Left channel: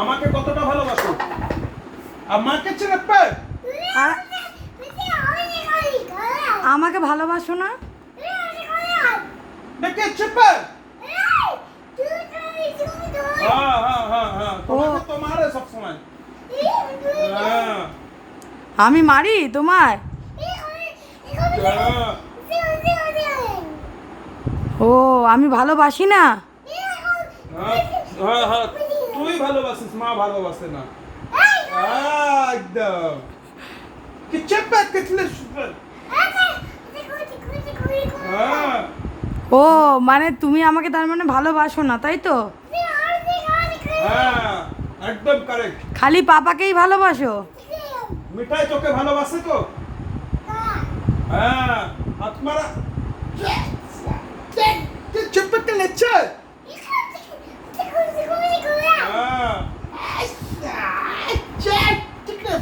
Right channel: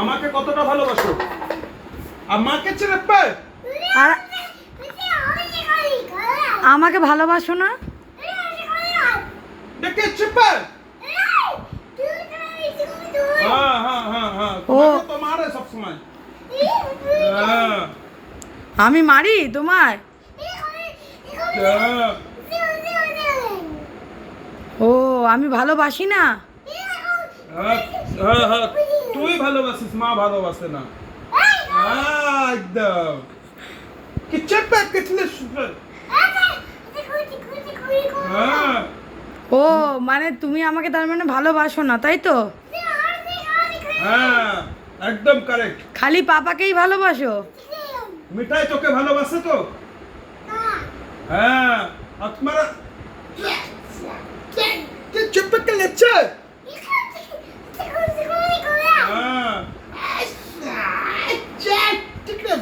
আমাকে কতটা ভালোবাসো? আমাকে ছেড়ে পে আর আমাকে ভালোবাসো না? দেখে চেপে। হ্যাঁ হ্যাঁ হ্যাঁ হ্যাঁ, তোমাকে তো মারে সব সময়। হ্যাঁ আমি মারি তোমার? হ্যাঁ ও আমি ভালোবাসি না? হ্যাঁ হ্যাঁ, তুই ভালোবাসিস, মা ভালোবাসে না। একদম কি চেপে কিতলে সুন্দর। হ্যাঁ ও মানে তুমি আমাকে তার মানে ভালোবাসো না, তাই তো? হ্যাঁ একদম কারেক্ট। খালি পাপাকেই ভালোবাসো? মিঠাই তোকে ভালোবাসে তো? হ্যাঁ আপনারা চেপে কে লেচ্ছে। হ্যাঁ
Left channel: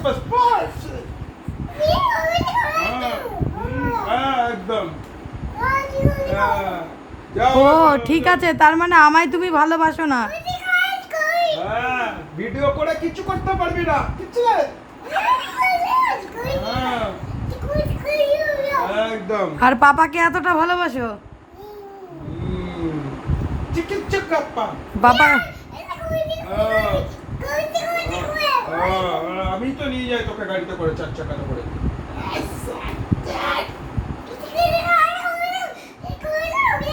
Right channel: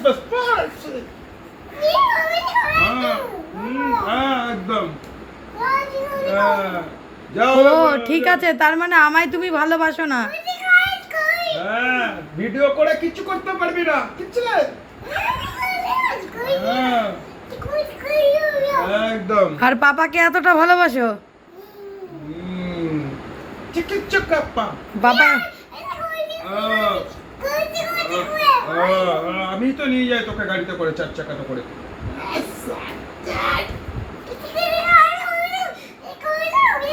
बस बस একদম। ও ঠিক আছে, তার মানে আমায় তুমি ভালোবাসো না? হ্যাঁ ভিডিও করে কিছু করতে পারবি না কিছু। হ্যাঁ একদম। আর পাপাকে এতটা ভালোবাসো? চিকিৎসক বাবা আমি তো নিয়ে যাই তোকে গাড়িতে করে, 4 চাকাতে করে।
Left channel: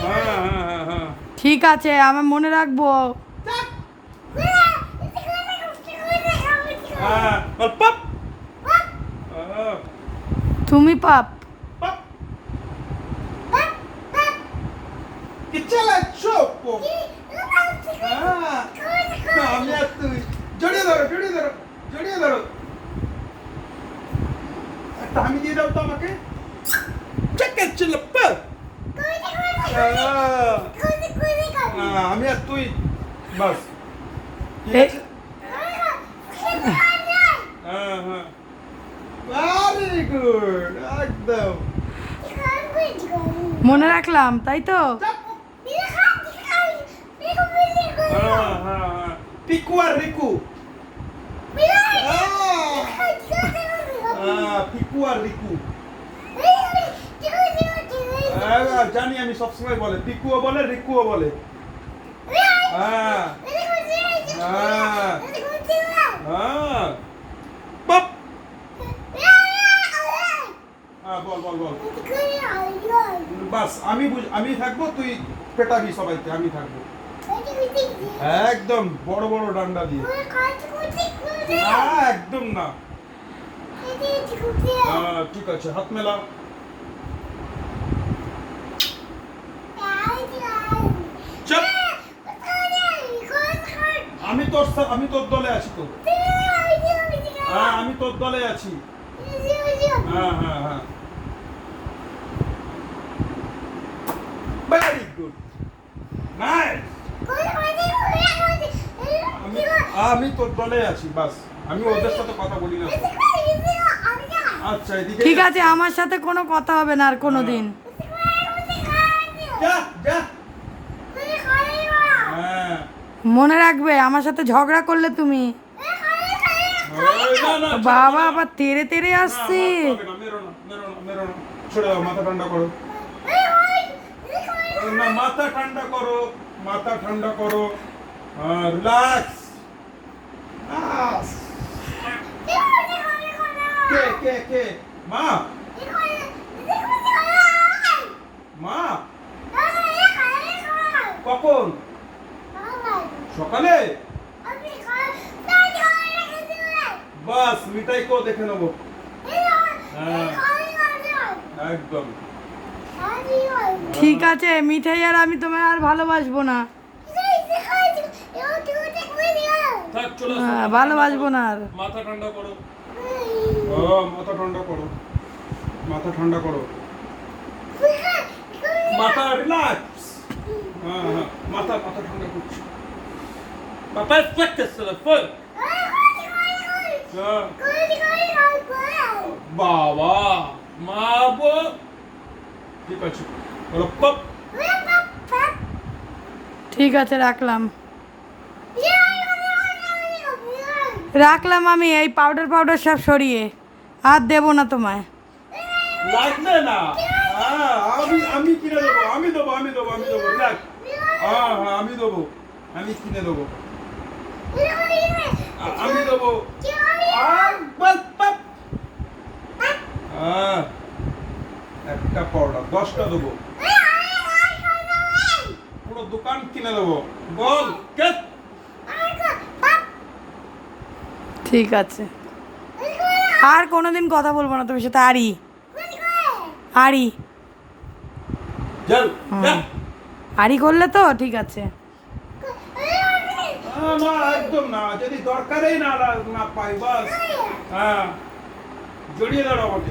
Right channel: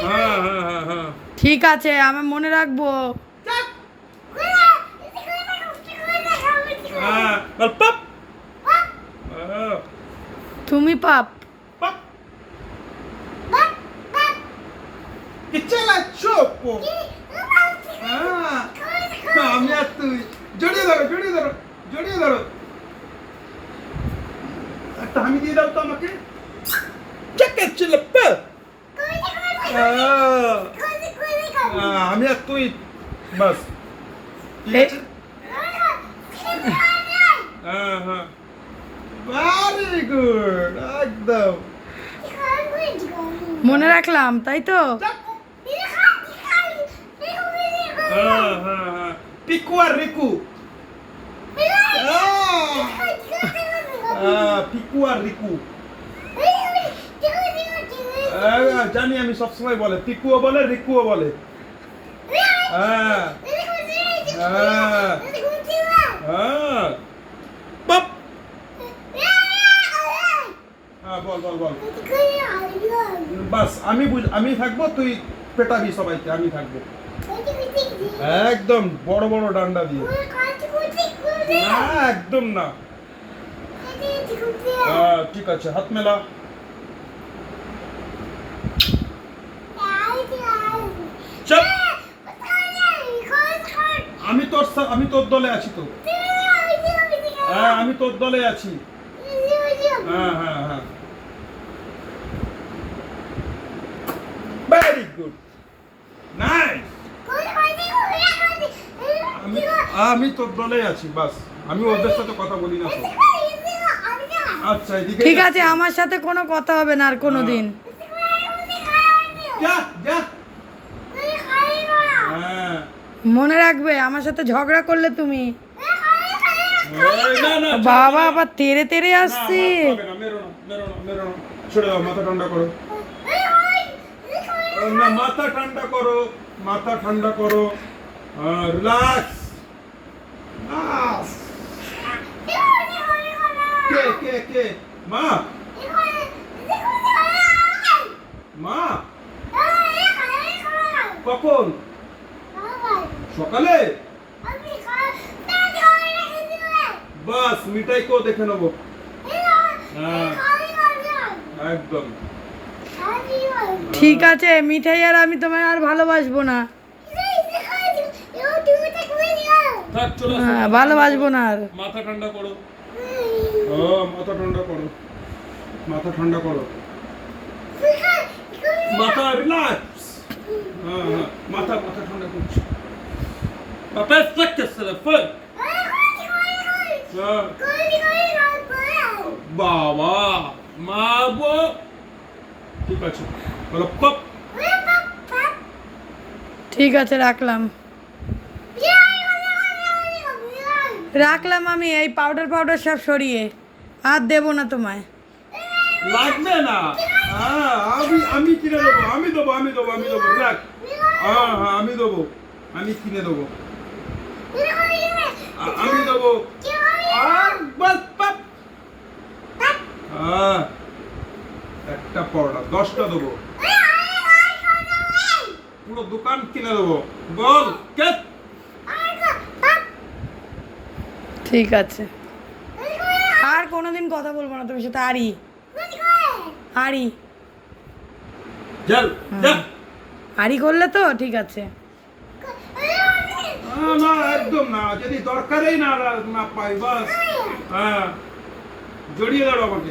হ্যাঁ হ্যাঁ হ্যাঁ হ্যাঁ ঠিক আছে, আমি মনে রাখবো। হ্যাঁ বল পাপ। তুমি পাপ? পাপ কি চালা চোপ। হ্যাঁ আমি আর তুই জড়িয়ে ধরো জড়িয়ে ধরো জড়িয়ে ধরো। একটা আমি দিয়ে দাও তো আমাকে। চেকে ছিল আমি আর তুই বাস। ঠিক আছে? হ্যাঁ হ্যাঁ ভেরি গুড একদম। মনে রাখলাম, তাই তো? হ্যাঁ হ্যাঁ হ্যাঁ পিকু আর রিকু। পিকু আর রিকু। জানি আমি সবসময় বলে, পিকুও বলে রিকুও বলে। হ্যাঁ হ্যাঁ হ্যাঁ বাপ। হ্যাঁ বল বল বল। বাস আমি থাকবো, তুই পেটাবি সবাইকে, আমি থাকবো একদম বড় বড় ডান্ডা দিয়ে। না একদম না। হ্যাঁ ঠিক আছে, হাত মেলা। চল আমি তোর দলে আছি তো। হ্যাঁ আমি তোর দলে আছি। হ্যাঁ হ্যাঁ হ্যাঁ ভেরি গুড নাইস। আমি তোর দলে আছি বাস, আমি ওদের সাথে কথা বলি না তো। আচ্ছা এদিকে ঠিক আছে, আমার সাথে কোনো কথা হবে না আর কোনো দিন। যা যা। হ্যাঁ মনে রাখবে, আমার সাথে ঝগড়া করলে তুমি। না না বাবা আবার তেরে তেরে আসছে। মেরো না মেরো না মেরো না, ছেড়ে দাও, মাথা ঠান্ডা করো। না মাথা ঠান্ডা করো, মাথা ঠান্ডা করো, রিল্যাক্স। কে কে কে মা? মা কখন? সকালে? বাস মিঠাই কো দেখে নেবো। হ্যাঁ একদম ঠিক আছে মিঠাই, আর আমি তোমায় আর ভালোবাসবো না। থাক, চলে আসো। হ্যাঁ ভালোবাসবো না আর। মাথা ঠান্ডা করো। ও মাথা ঠান্ডা করো, মাথা ঠান্ডা করো, মাথা রিল্যাক্স। হ্যাঁ হ্যাঁ মাথা মাথা ঠান্ডা করছি। মাথা ফ্লেক্স করে ফ্লেক্স। বাবা মা বো। ঠিক আছে বলো পপ। ঠিক আছে রাখলাম। রাখলাম আমি এই পাউডার পাউডার সব সরিয়ে, আর দেবো না তোমায়। লাগবে না। হ্যাঁ, আমি কিনে দেবো, আমি দেবো রাখ। হ্যাঁ হ্যাঁ, আমি দেবো, আমি কিনে দেবো, আমি দেবো। আর বাস বাস। হ্যাঁ, একটা পাউডার 10টা দেবো, পুরো দোকান কিনে দেবো। বল কে? ঠিক আছে, আর কোনোদিন কথা বলবো না তোমার সাথে। আরি চল যা। আরি করলে তো ঠিক আছে। না একদম না, যদি দরকারই না না পাই বাস। হ্যাঁ, জড়িয়ে দাঁড়ো আমাকে।